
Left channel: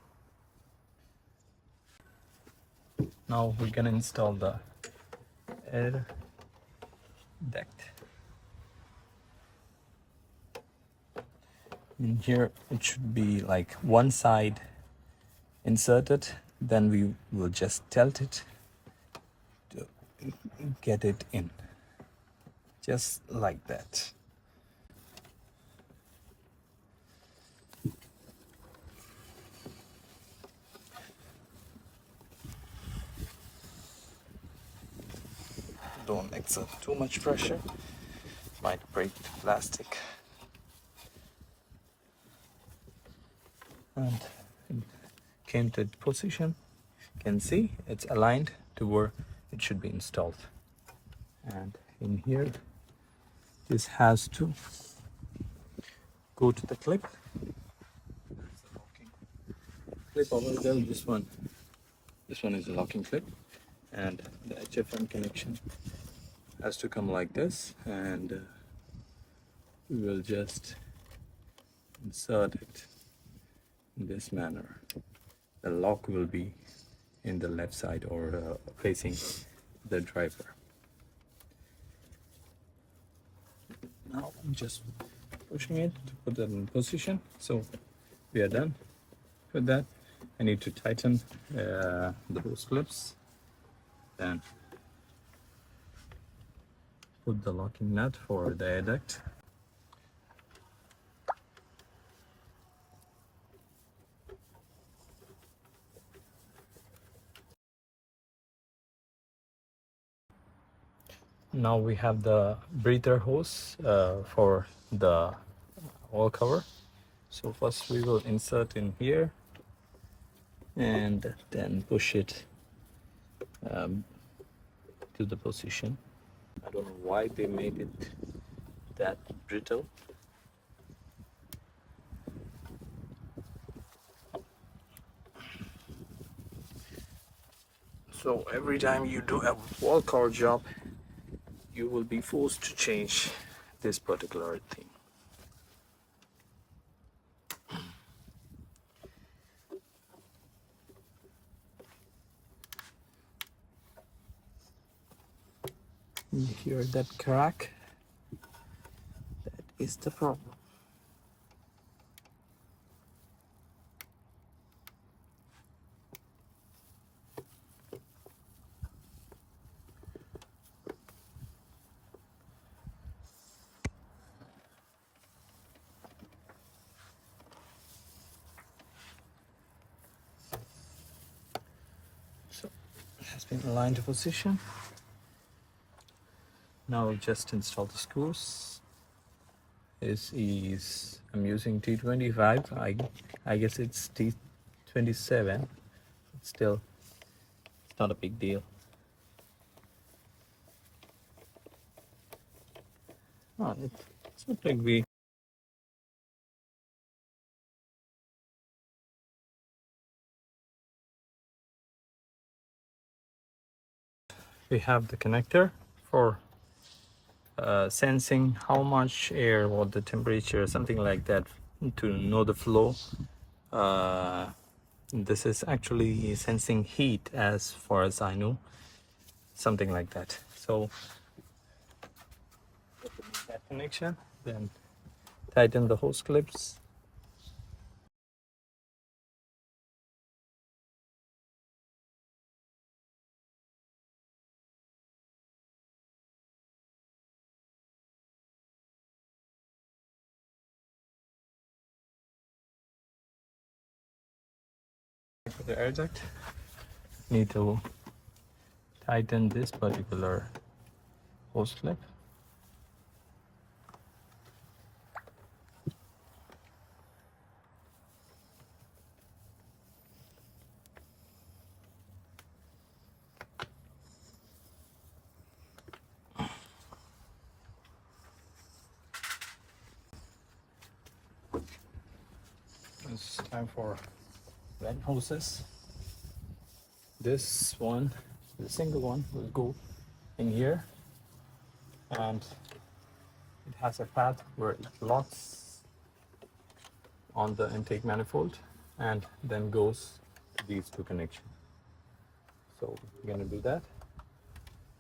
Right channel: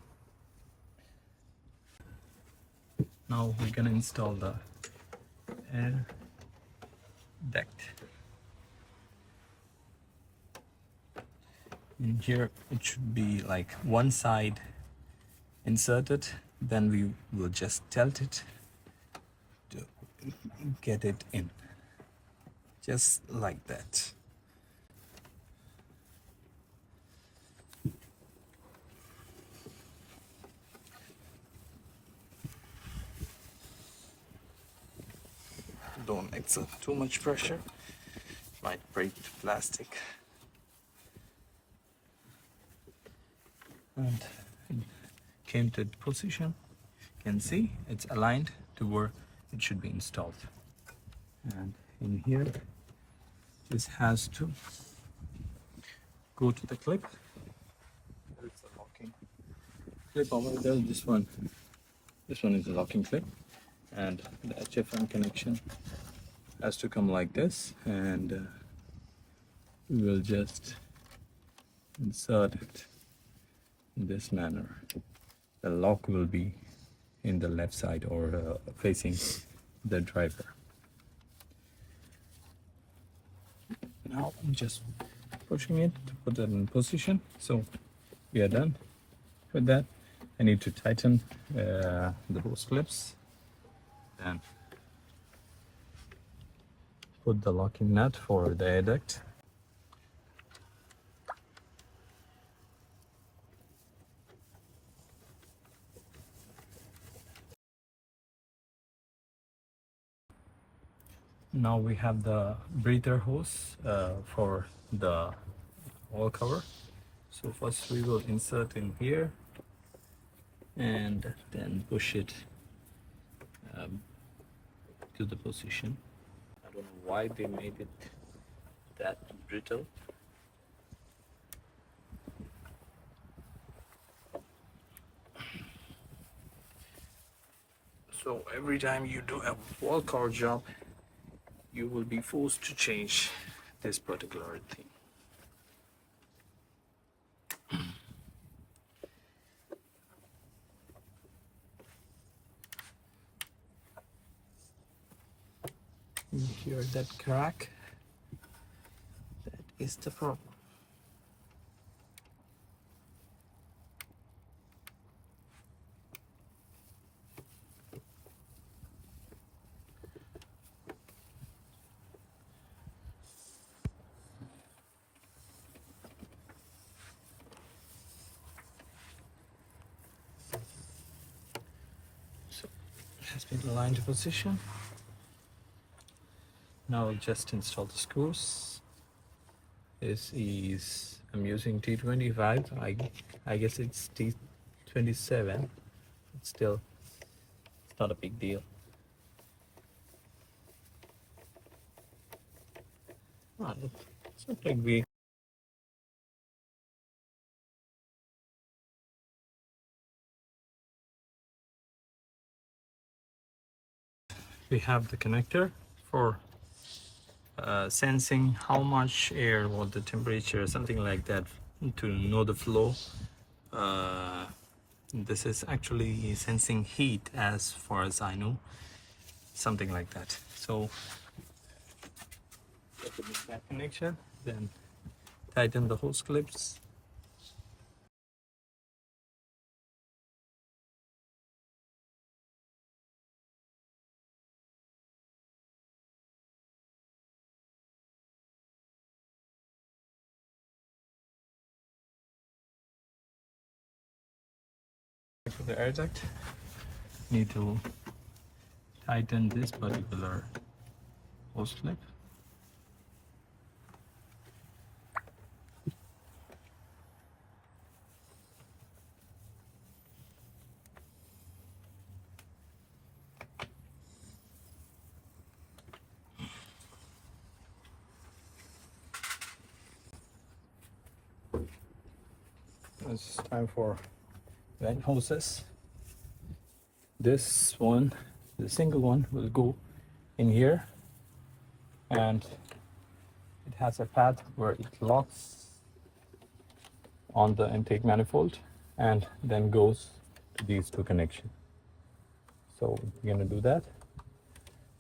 Now we're gonna install the air duct. In here it should be like one side inserted, then we will just tilt it to get it in, just like that. Don't exert too much pressure, might break the plastic. And it came to position. You can see it's aligned to where it should be installed. And in here, this has to go to the clip. There's the locking clip over there. This one is a locking clip, and the HFM connection has to come like this, and we will just insert it in this manner. The lock will be in the left side or facing the driver. Now I'm just pushing it to put it in position. So we are done with that. I need to tighten the hose clips, then put the locking nut for the air duct. Now we have the breather hose for the oil cover. So first we will insert in here and then push it to the position. I don't know why they made it that brittle. So every time you do a wall cover job, you will be forced to change this particular thing. You hear that crack? That is the problem. So it has been aligned to position. Now I'll just install the screws. This is, I'm using T25. I guess it's T27. It's still not a big deal. Oh, it's not like we have the connector for sensing how much air, what the temperature, something like that, to know the flow. This is actually sensing heat as far as I know, something like that. So that connection, then tighten the hose clips. For the air duct, need to tighten this particular hose clip. it's time for vent hoses. This one, the single one, will go in here, and it has a pad where it locks on the intake manifold and then goes to these two connections. So we're gonna do that.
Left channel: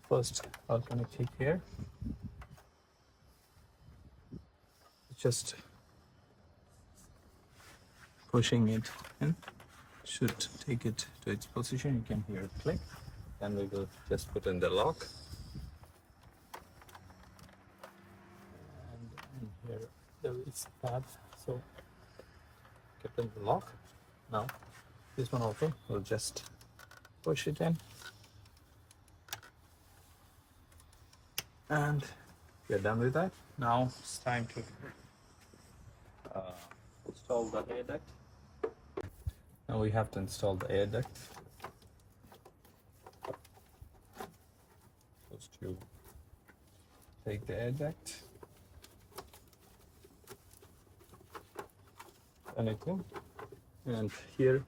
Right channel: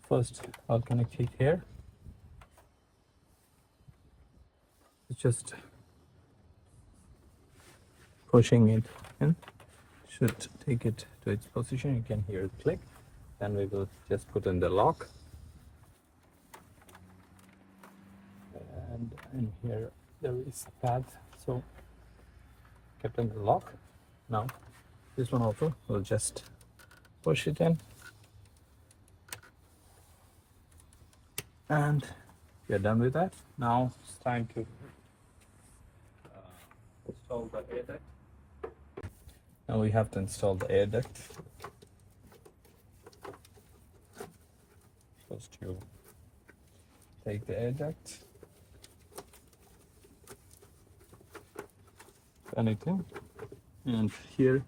First, I'll connect it here. It's just pushing it in. Should take it to its position. You can hear it click. Then we will just put in the lock. And in here there is a pad, so kept in the lock. Now this one also, we'll just push it in, and we're done with that. Now it's time to install the air duct. Now we have to install the air duct. First you take the air duct, anything, and here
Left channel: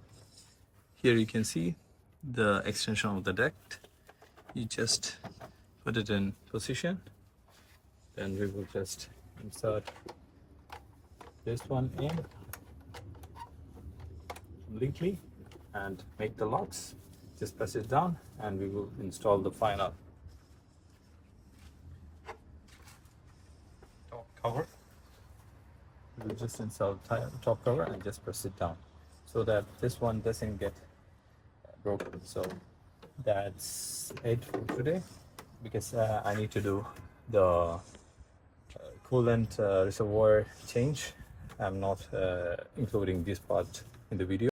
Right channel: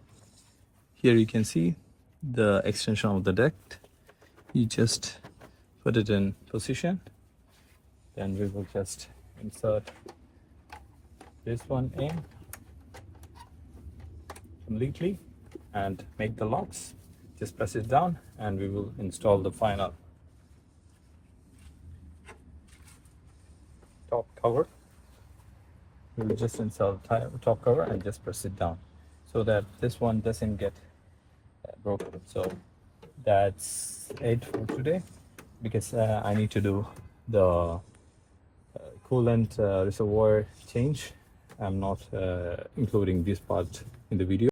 you can see the extension of the duct. You just put it in position, then we will just insert this one in completely and make the locks. Just press it down and we will install the final top cover. We will just install the top cover and just press it down so that this one doesn't get broken. So that's it for today, because I need to do the coolant reservoir change. I'm not including this part in the video.